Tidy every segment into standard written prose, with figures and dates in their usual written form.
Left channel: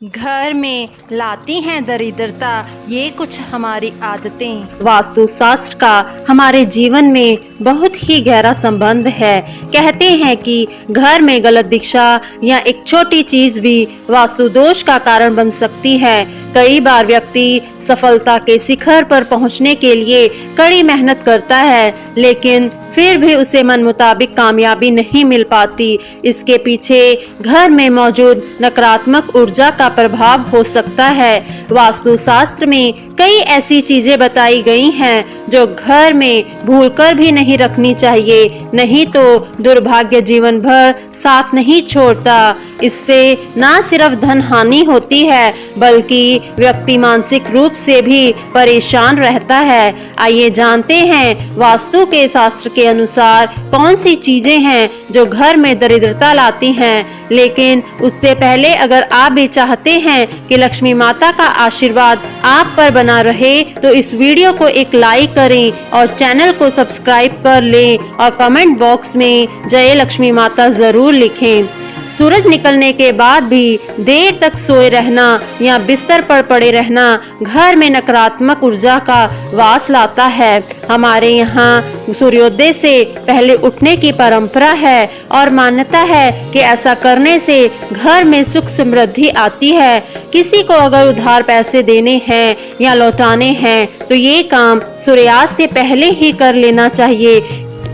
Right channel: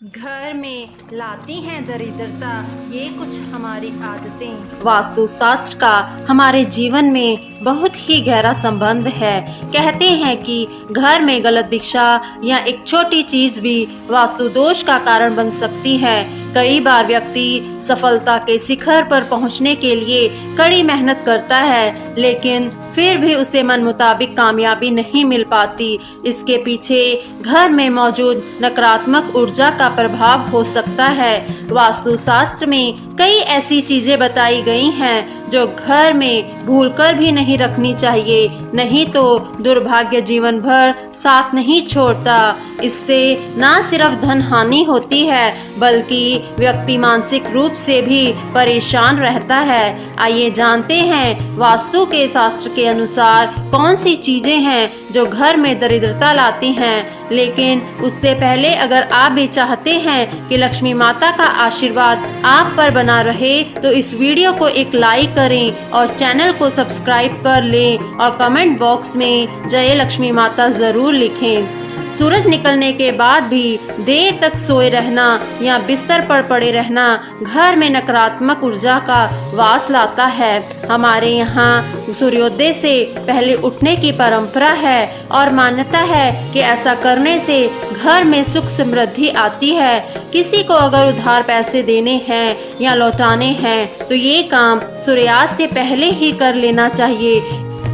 घर में लाती हैं दरिद्रता ये कुछ हमारी आदतें। वास्तु शास्त्र का हमारे जीवन में बहुत ही गहरा संबंध है। कहते हैं कि घर में गलत दिशा या एक छोटी चीज भी वास्तु दोष का कारण बन सकती है। कई बार व्यक्ति सफलता के शिखर पर पहुंचने के लिए कड़ी मेहनत करता है, लेकिन फिर भी उसे मन मुताबिक कामयाबी नहीं मिल पाती। इसके पीछे घर में मौजूद नकारात्मक ऊर्जा का प्रभाव हो सकता है। वास्तु शास्त्र में कई ऐसी चीजें बताई गई हैं जो घर में भूलकर भी नहीं रखनी चाहिए, नहीं तो दुर्भाग्य जीवन भर साथ नहीं छोड़ता। इससे न सिर्फ धन हानि होती है, बल्कि व्यक्ति मानसिक रूप से भी परेशान रहता है। आइए जानते हैं वास्तु के शास्त्र के अनुसार कौन सी चीजें हैं जो घर में दरिद्रता लाती हैं। लेकिन उससे पहले अगर आप भी चाहते हैं कि लक्ष्मी माता का आशीर्वाद आप पर बना रहे, तो इस वीडियो को एक लाइक करें और चैनल को सब्सक्राइब कर लें और कमेंट बॉक्स में जय लक्ष्मी माता जरूर लिखें। सूरज निकलने के बाद भी देर तक सोए रहना या बिस्तर पर पड़े रहना घर में नकारात्मक ऊर्जा का वास लाता है। हमारे यहाँ सूर्योदय से पहले उठने की परंपरा है और मान्यता है कि ऐसा करने से घर में सुख समृद्धि आती है। किसी को अगर उधार पैसे देने हैं या लौटाने हैं तो ये काम सूर्यास्त से पहले ही कर लेना चाहिए,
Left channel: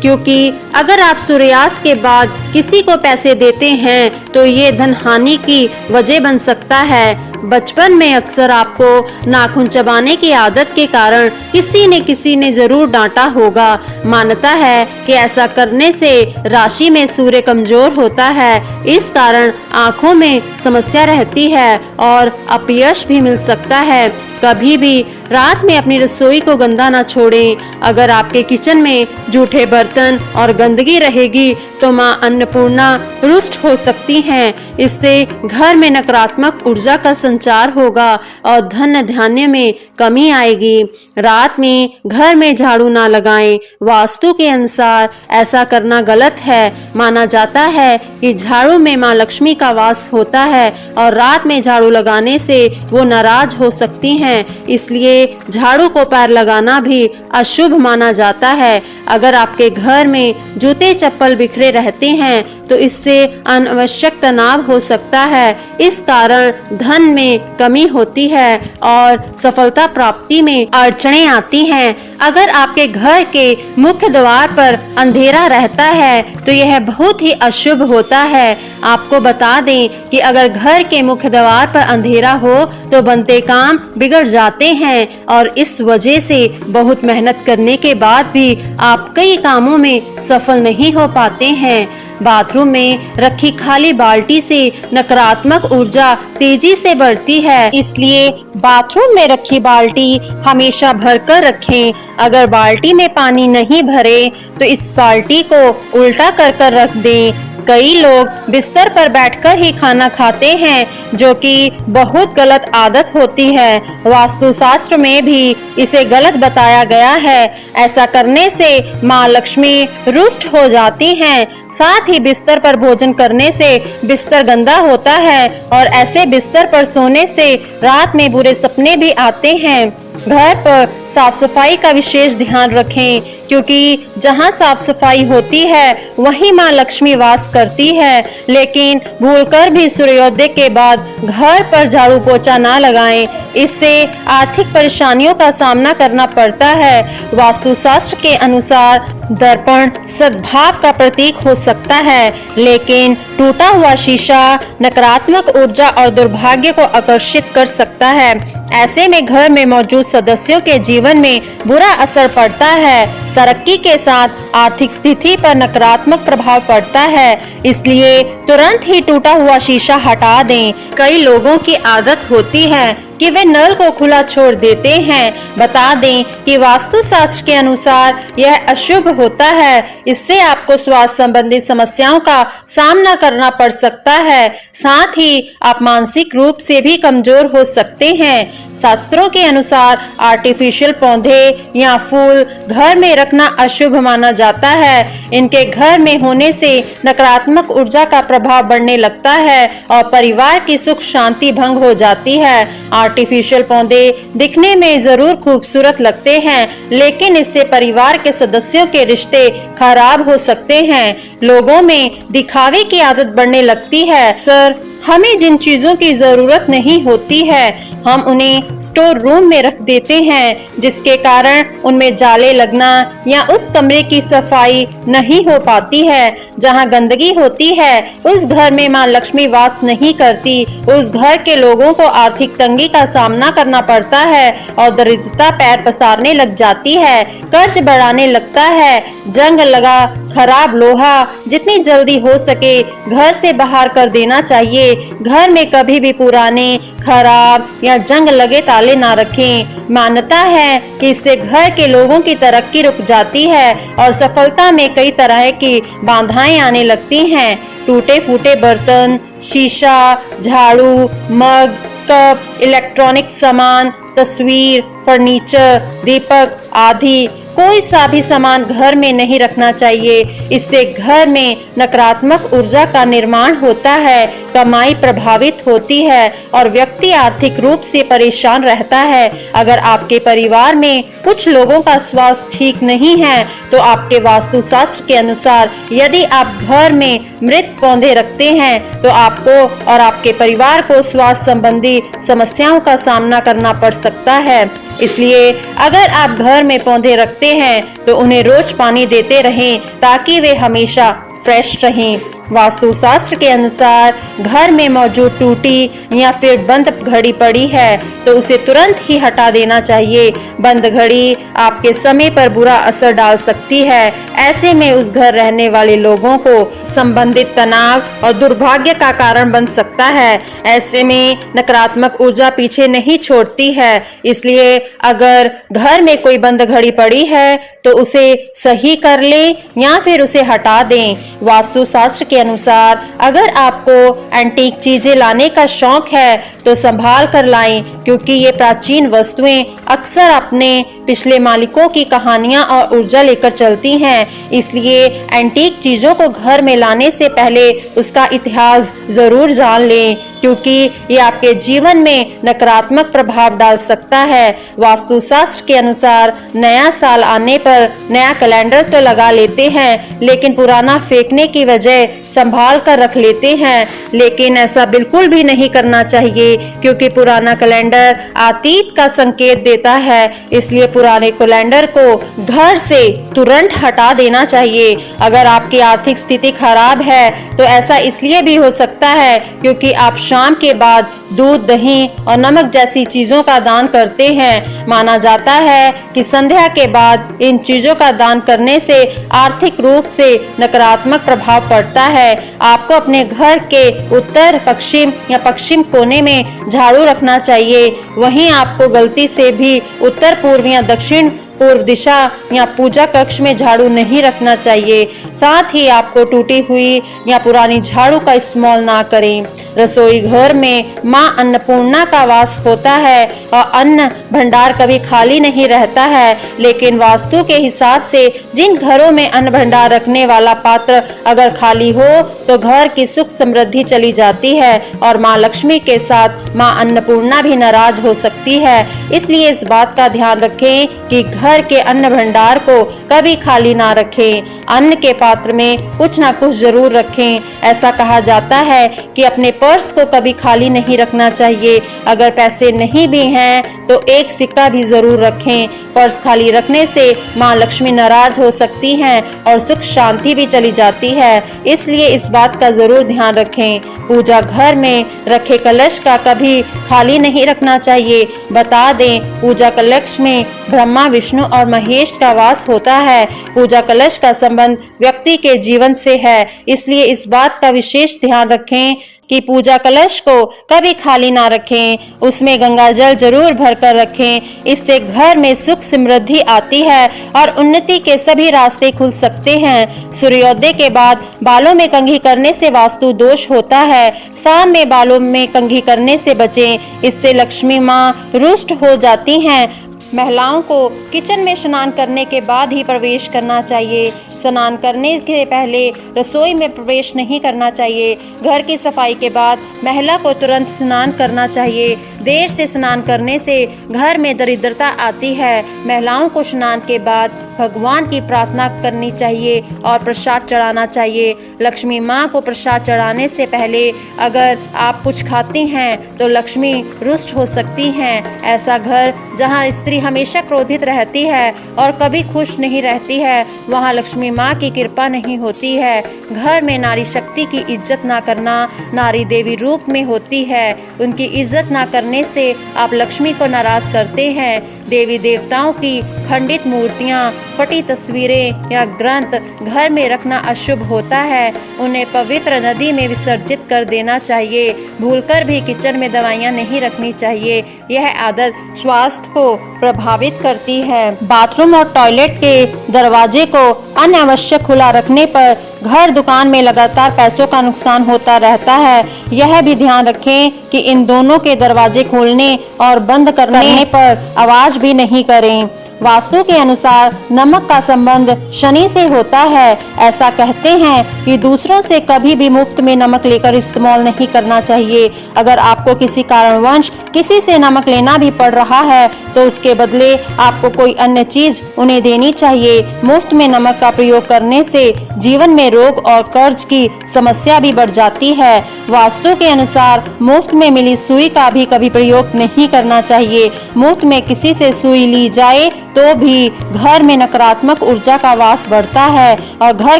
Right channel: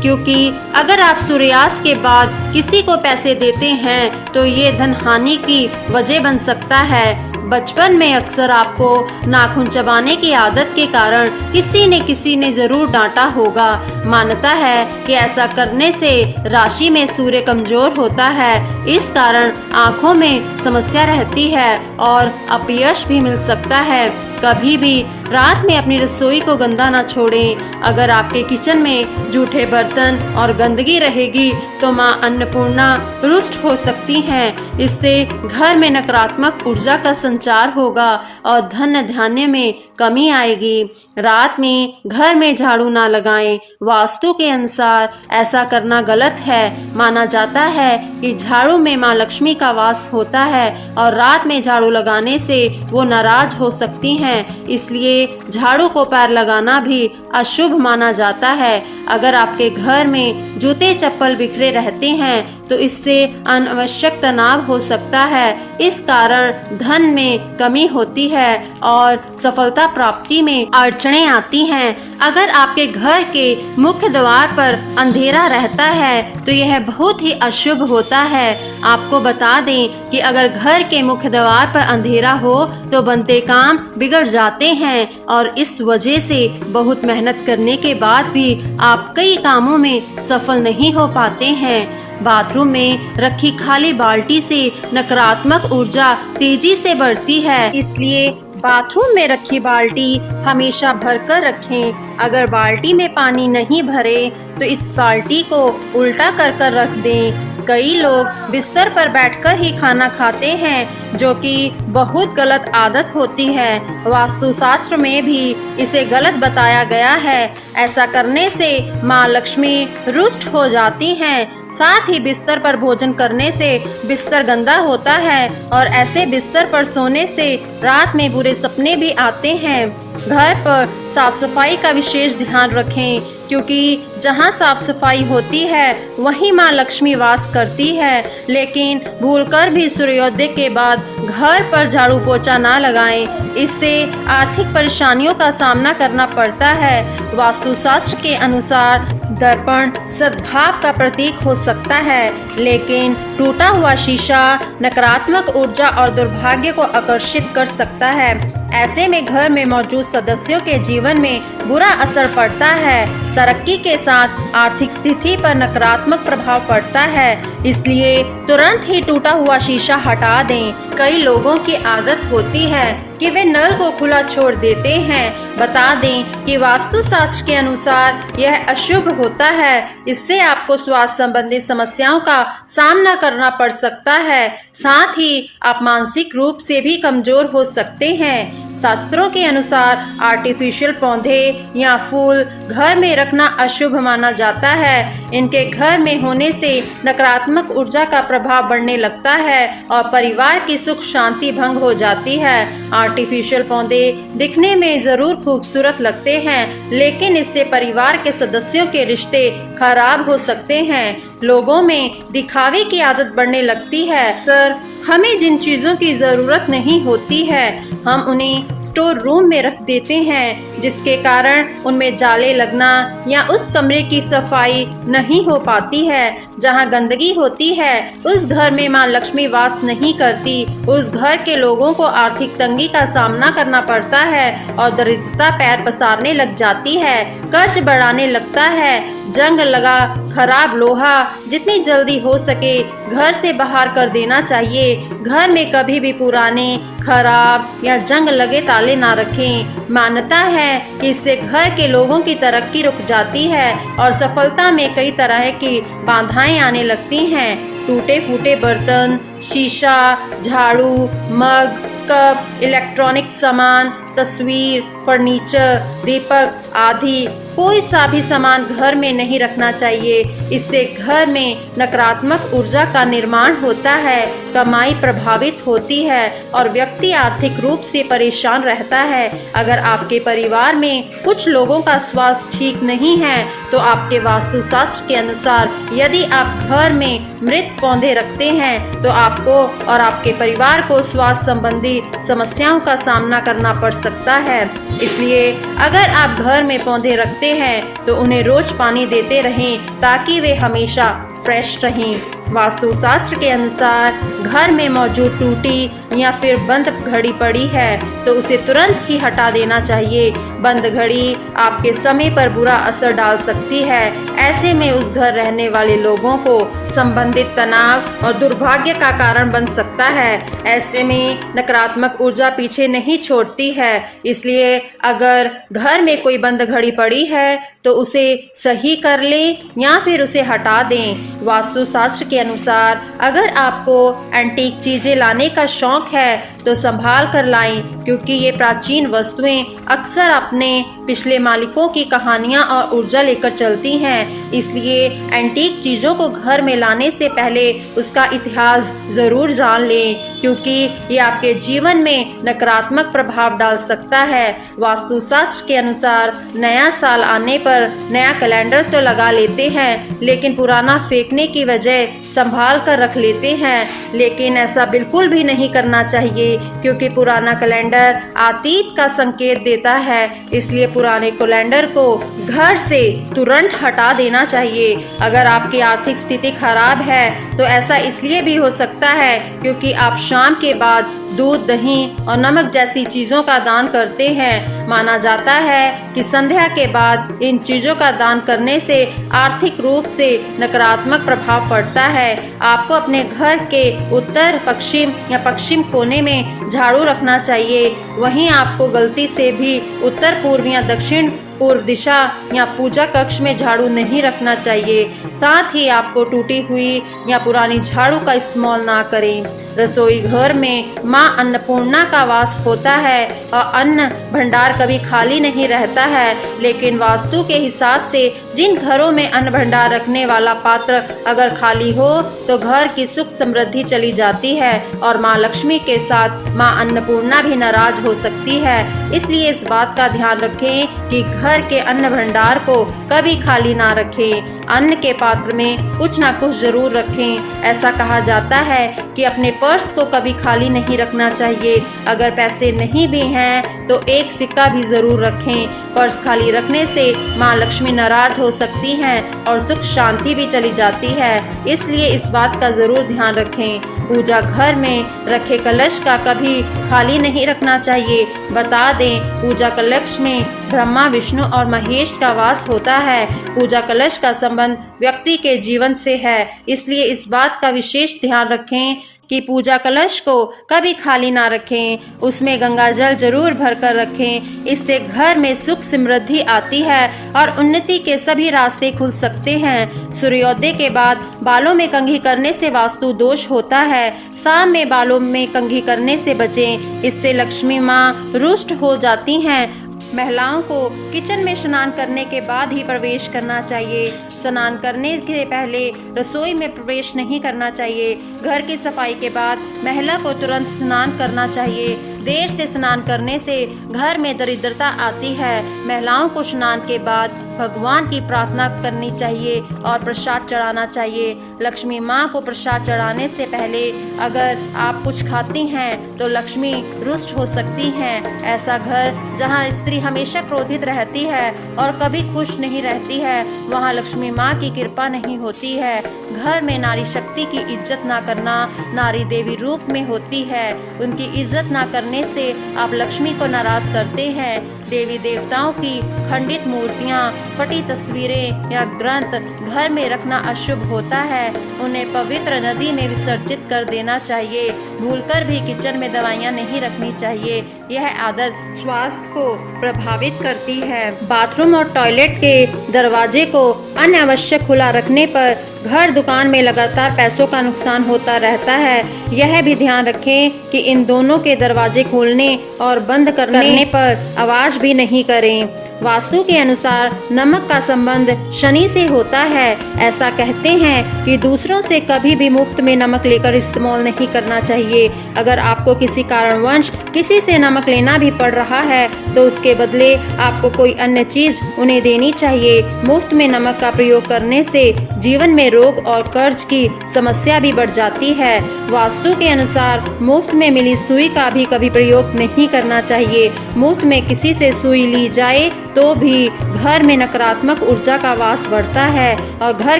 क्योंकि अगर आप सूर्यास्त के बाद किसी को पैसे देते हैं तो ये धन हानि की वजह बन सकता है। बचपन में अक्सर आपको नाखून चबाने की आदत के कारण किसी ने जरूर डांटा होगा। मान्यता है कि ऐसा करने से राशि में सूर्य कमजोर होता है, इस कारण आँखों में समस्या रहती है और अपयश भी मिल सकता है। कभी भी रात में अपनी रसोई को गंदा न छोड़ें। अगर आपके किचन में जूठे बर्तन और गंदगी रहेगी तो मां अन्नपूर्णा रुष्ट हो सकती हैं। इससे घर में नकारात्मक ऊर्जा का संचार होगा और धन धान्य में कमी आएगी। रात में घर में झाड़ू ना लगाएं। वास्तु के अनुसार ऐसा करना गलत है। माना जाता है कि झाड़ू में मां लक्ष्मी का वास होता है और रात में झाड़ू लगाने से वो नाराज हो सकती हैं। इसलिए झाड़ू को पैर लगाना भी अशुभ माना जाता है। अगर आपके घर में जूते चप्पल बिखरे रहते हैं तो इससे अनावश्यक तनाव हो सकता है। इस कारण धन में कमी होती है और सफलता प्राप्ति में अड़चनें आती हैं। अगर आपके घर के मुख्य द्वार पर अंधेरा रहता है तो यह बहुत ही अशुभ होता है। आपको बता दें कि अगर घर के मुख्य द्वार पर अंधेरा हो तो बनते काम बिगड़ जाते हैं और इस वजह से बहुत मेहनत करने के बाद भी आप कई कामों में सफल नहीं हो पाते हैं। बाथरूम में रखी खाली बाल्टी से नकारात्मक ऊर्जा तेजी से बढ़ती है, इसलिए बाथरूम में रखी बाल्टी हमेशा भरकर रखें। अगर बाल्टी में पानी नहीं भरे तो इस बाल्टी को उल्टा कर रख दें। कई लोग बिस्तर पर बैठकर ही खाना खाते हैं, जो कि बहुत गलत आदत होती है। वास्तु शास्त्र में भी इसे गलत बताया गया है। ऐसा करने से मां लक्ष्मी रुष्ट हो जाती हैं। साथ ही बिस्तर पर भोजन करने से बिस्तर गंदा होता है और ऐसे बिस्तर पर सोने से रात में बुरे सपने भी आते हैं। घर पर साफ सफाई का विशेष ध्यान रखें, क्योंकि जहां साफ सफाई होती है वहीं मां लक्ष्मी वास करती है। लेकिन भूलकर भी सूर्योदय के बाद घर पर झाड़ू पोछा ना लगाएं, इससे आर्थिक परेशानियों का सामना करना पड़ता है। वास्तु शास्त्र के अनुसार दर्पण सद्भाव का प्रतीक हो सकता है, लेकिन टूटा हुआ शीशा नकारात्मक ऊर्जा और दुर्भाग्य को आकर्षित कर सकता है। ऐसे में घर में मौजूद सदस्यों के जीवन में बुरा असर पड़ता है। तरक्की के साथ आर्थिक स्थिति पर नकारात्मक प्रभाव पड़ता है, इसलिए तुरंत ही टूटा हुआ शीशा हटा दें। कई लोगों की आदत होती है कि वे नल को खुला छोड़ देते हैं। बता दें कि वास्तु शास्त्र के अनुसार यह अशुभ होता है। इससे आपको स्वास्थ्य संबंधी समस्याओं का सामना करना पड़ सकता है। साथ ही आप मानसिक रूप से भी कमजोर हो सकते हैं। शास्त्रों के अनुसार आर्टिफिशियल पौधे या फूल घर में रखना अशुभ माना जाता है। इनके घर में होने से नकारात्मक ऊर्जा का प्रभाव बढ़ने लगता है और परिवार की सुख शांति भंग हो जाती है। आर्टिफिशियल पौधे दिखने में जरूर खूबसूरत लगते हैं, लेकिन इससे परिवार के सदस्यों के रिश्ते खराब हो सकते हैं। लोगों में दिखावे की आदत बढ़ने लगती है। सर, हमें जिन चीजों की जरूरत नहीं होती है हम उन्हें स्टोर रूम में रख देते हैं, जिसके कारण उनमें जाले लगना या उस कमरे की सफाई नहीं हो पाती है। जहां गंदगी होती है उस घर में मां लक्ष्मी वास नहीं करती। उस घर के लोगों को आर्थिक तंगी का सामना करना पड़ता है और दरिद्रता पैर पसारने लग जाती है, कर्ज बढ़ाने लगता है। जंग लगा खराब लोहा जितनी जल्दी हो सके घर से बाहर कर देना चाहिए। घर में कभी भी पुराने, खराब या जंग लगे ताले ना रखें। मान्यता है कि इससे घर के लोगों की तरक्की रुक जाती है और सफलता में कई तरह की बाधाएं आने लगती हैं। टूटे फूटे बर्तन, शीशा, झाड़ू, मग, कप, इलेक्ट्रॉनिक सामान, तस्वीर, फर्नीचर, दीपक आदि कोई सा भी सामान घर में नहीं रखना चाहिए। इससे घर में नकारात्मक ऊर्जा का निर्माण होता है, कमाई प्रभावित होती है और व्यक्ति आर्थिक रूप से परेशान रहता है। अगर आपके परिवार में कुछ लोगों का स्वास्थ्य ठीक नहीं है तो आपके वास्तुशास्त्र के अनुसार यदि आप घर में मृत पौधे रखते हैं तो आपको और आपके परिवार को स्वास्थ्य संबंधी समस्याओं का सामना करना पड़ सकता है। इसलिए अगर आप घर में पौधे रखते हैं तो उन्हें रोज पानी देते रहें ताकि वे हमेशा फ्रेश रहें। वास्तुशास्त्र के अनुसार घर में मौजूद टूटी या फिर बंद घड़ी पड़ी है तो उसे तुरंत ही हटा देना चाहिए। बंद घड़ी आपके समय पर बुरा असर डाल सकती है। ऐसे में उस घर रहने वाले लोगों को संबंधित तनाव और दुर्भाग्य का कारण बन सकता है। ऐसे में नकारात्मक ऊर्जा पीछे नहीं छोड़ती है। इसलिए अगर घर में कोई बंद घड़ी पड़ी है तो उसे सही कर ले या फिर उसे हटा दें। वास्तुशास्त्र के अनुसार अगर आपको एंटीक चीजें लाने का शौक है तो संभाल कर लाएं, क्योंकि ये प्राचीन वस्तुएं अक्सर अपने पिछले मालिकों की कहानियां और ऊर्जा लेकर चलती हैं। इसलिए एंटीक चीजों को घर में लाने से पहले उसका इतिहास जरूर जान लें, क्योंकि ये आपके जीवन में नकारात्मक प्रभाव डाल सकता है। वास्तुशास्त्र के अनुसार नया साल आने पर नया कैलेंडर तो लगा लेते हैं, लेकिन पुराना फेंकने की बजाय संभाल कर रख लेते हैं। लेकिन ऐसा बिल्कुल भी नहीं करना चाहिए, क्योंकि पुराना कैलेंडर अतीत का संकेत देता है। इसलिए पुराने कैलेंडर को घर से तुरंत हटा देना चाहिए। अगर आपकी आर्थिक स्थिति खराब है तो ऐसा इसलिए भी हो सकता है क्योंकि आप शाम के बाद दूध, दही और नमक जैसी चीजों का दान करते हैं। माना जाता है कि संध्या के बाद इन चीजों का दान करने से आर्थिक रूप से नकारात्मक प्रभाव पड़ता है। आपको अपने घर के उत्तर, पश्चिम या पश्चिम कोने में झाड़ू रखना चाहिए। वहीं आपको गलती से भी उत्तर, पूर्व या दक्षिण पूर्व दिशा या पूजा कक्ष में झाड़ू नहीं रखना चाहिए। साथ ही आपको टूटी हुई या पुरानी झाड़ू का इस्तेमाल ना करें। रसोई घर में मां अन्नपूर्णा का वास होता है और अन्न भंडार कभी खाली नहीं रहता है। लेकिन वास्तु के हिसाब से जिन घरों में अन्न भंडार रखने वाला पात्र अगर खाली हो तो घर की सुख समृद्धि चली जाती है और मां लक्ष्मी के साथ मां अन्नपूर्णा भी नाराज हो सकती है। इसलिए इस बात का ध्यान रखें कि घर के अन्न भंडार को कभी खाली ना रखें। अन्न के पात्र में कुछ ना कुछ जरूर रखें। ऐसा कहा जाता है कि अपने पर्स को कभी खाली नहीं रखना चाहिए। अगर पैसे नहीं भी हैं तो एक सिक्का भी जरूर रखें। पर्स खाली रखने से मां लक्ष्मी नाराज हो सकती हैं और सुख शांति भी चली जाती है। इसलिए इस बात का जरूर ध्यान रखें। पूजा घर में रखे कलश का कभी खाली नहीं रखना चाहिए। बता दें, पूजा कलश में ब्रह्मा, विष्णु और महेश का वास होता है। पूजा कलश का संबंध व्यक्ति के जीवन से है। इसलिए इस बात का विशेष ध्यान रखें कि पूजा कलश को कभी खाली ना रखें, उसमें गंगा जल जरूर भरकर रखें। इससे घर में सुख समृद्धि आती है और उन्नति के सभी रास्ते खुल सकते हैं। सूर्योदय के बाद बालों में कंघी करने से वास्तु दोष होता है। शाम में बालों में कंघी करने से बचें, इससे लक्ष्मी माँ रुष्ट हो जाती हैं। महिलाओं को किचन में स्नान करने के बाद ही प्रवेश करना चाहिए। स्नान करने के पहले रसोई में प्रवेश नहीं करना चाहिए। घर की सफाई के बाद महिला को तुरंत स्नान करना चाहिए। देर से स्नान करने से घर में दरिद्रता आती है। महिलाओं को स्नान के बाद भगवान की प्रार्थना करनी चाहिए और प्रसाद चढ़ाना चाहिए। लक्ष्मी माँ को प्रसाद चढ़ाने से पहले अगर आप कुछ खाती हैं तो लक्ष्मी रुष्ट हो सकती हैं। ऐसा घर जहाँ स्त्री हमेशा क्रोधित रहती है और कभी खुश नहीं रहती है, वहाँ लक्ष्मी माँ की कृपा नहीं होती है। घर में नारी शक्ति की इज्जत ना करना नारी देवी रूप में होती है। उनकी इज्जत ना करने से आप लक्ष्मी को नाराज करते हैं। देवी देवताओं की खंडित मूर्तियाँ, फटी तस्वीरें या ग्रंथ घर में रखना अशुभ होता है। उन्हें पवित्र नदी में विसर्जित कर देना चाहिए। भूलकर भी किचन में दवाइयाँ नहीं रखनी चाहिए। यह आदत स्वास्थ्य को प्रभावित करती है। बाथरूम और टॉयलेट के दरवाजे को अनावश्यक खुला रखने पर घर दुकान में लगातार पैसों का नुकसान होता रहता है। यह भी ध्यान रखें कि इन दोनों के दरवाजे खोलने और बंद करने पर आवाज भी नहीं करें। वास्तु के अनुसार नमक का संबंध शनि से होता है। ऐसा कहते हैं कि दूसरों से कभी भी मुफ्त में नमक लेकर इस्तेमाल नहीं करना चाहिए। अगर आपको किसी कारणवश किसी से नमक लेना भी पड़ रहा है तो उसके बदले आपको कोई अन्य चीज उन्हें देनी चाहिए। मुफ्त में नमक का प्रयोग करने से जीवन में रोग और कर्ज की समस्या भी बढ़ जाती है। वास्तु के अनुसार मुफ्त में मिली सुई का भी कभी प्रयोग नहीं करना चाहिए। मुफ्त में किसी से सुई ली जाए तो भी घर में नकारात्मक ऊर्जा का वास बढ़ता है और घर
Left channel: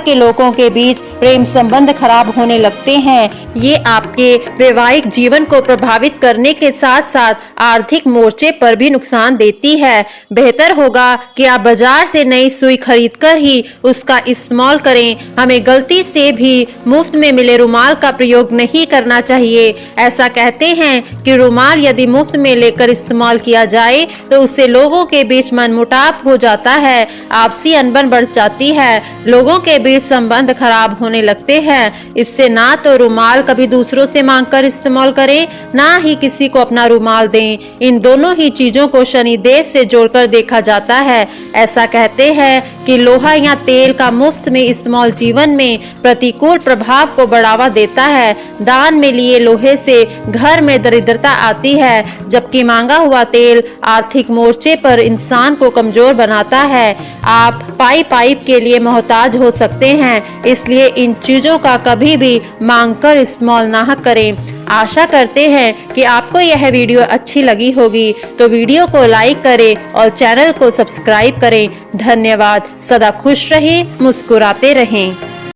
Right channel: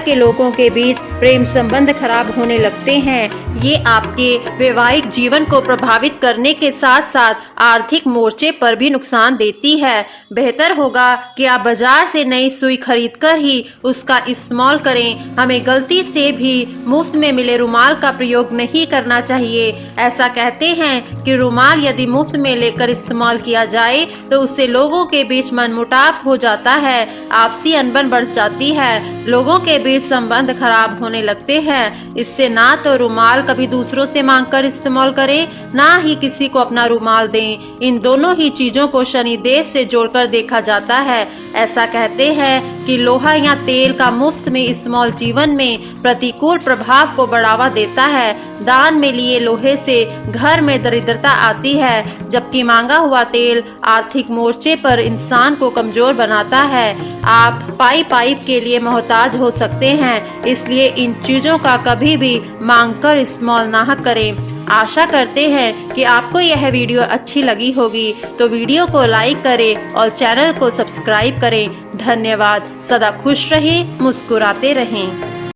के लोगों के बीच प्रेम संबंध खराब होने लगते हैं। ये आपके वैवाहिक जीवन को प्रभावित करने के साथ साथ आर्थिक मोर्चे पर भी नुकसान देती है। बेहतर होगा कि आप बाजार से नई सुई खरीदकर ही उसका इस्तेमाल करें। हमें गलती से भी मुफ्त में मिले रुमाल का प्रयोग नहीं करना चाहिए। ऐसा कहते हैं कि रुमाल यदि मुफ्त में लेकर इस्तेमाल किया जाए तो उससे लोगों के बीच मनमुटाव हो जाता है, आपसी अनबन बढ़ जाती है, लोगों के बीच संबंध खराब होने लगते हैं। इससे ना तो रुमाल कभी दूसरों से मांगकर इस्तेमाल करें, ना ही किसी को अपना रुमाल दें। इन दोनों ही चीजों को शनिदेव से जोड़कर देखा जाता है। ऐसा कहते हैं कि लोहा या तेल का मुफ्त में इस्तेमाल जीवन में प्रतिकूल प्रभाव को बढ़ावा देता है। दान में लिए लोहे से घर में दरिद्रता आती है, जबकि मांगा हुआ तेल आर्थिक मोर्चे पर इंसान को कमजोर बनाता है। आप पाइप के लिए मोहताज हो सकते हैं, इसलिए इन चीजों का कभी भी मांगकर इस्तेमाल ना करें। आशा करते हैं कि आपको यह वीडियो अच्छी लगी होगी, तो वीडियो को लाइक करें और चैनल को सब्सक्राइब करें। धन्यवाद। सदा खुश रहें, मुस्कुराते रहें।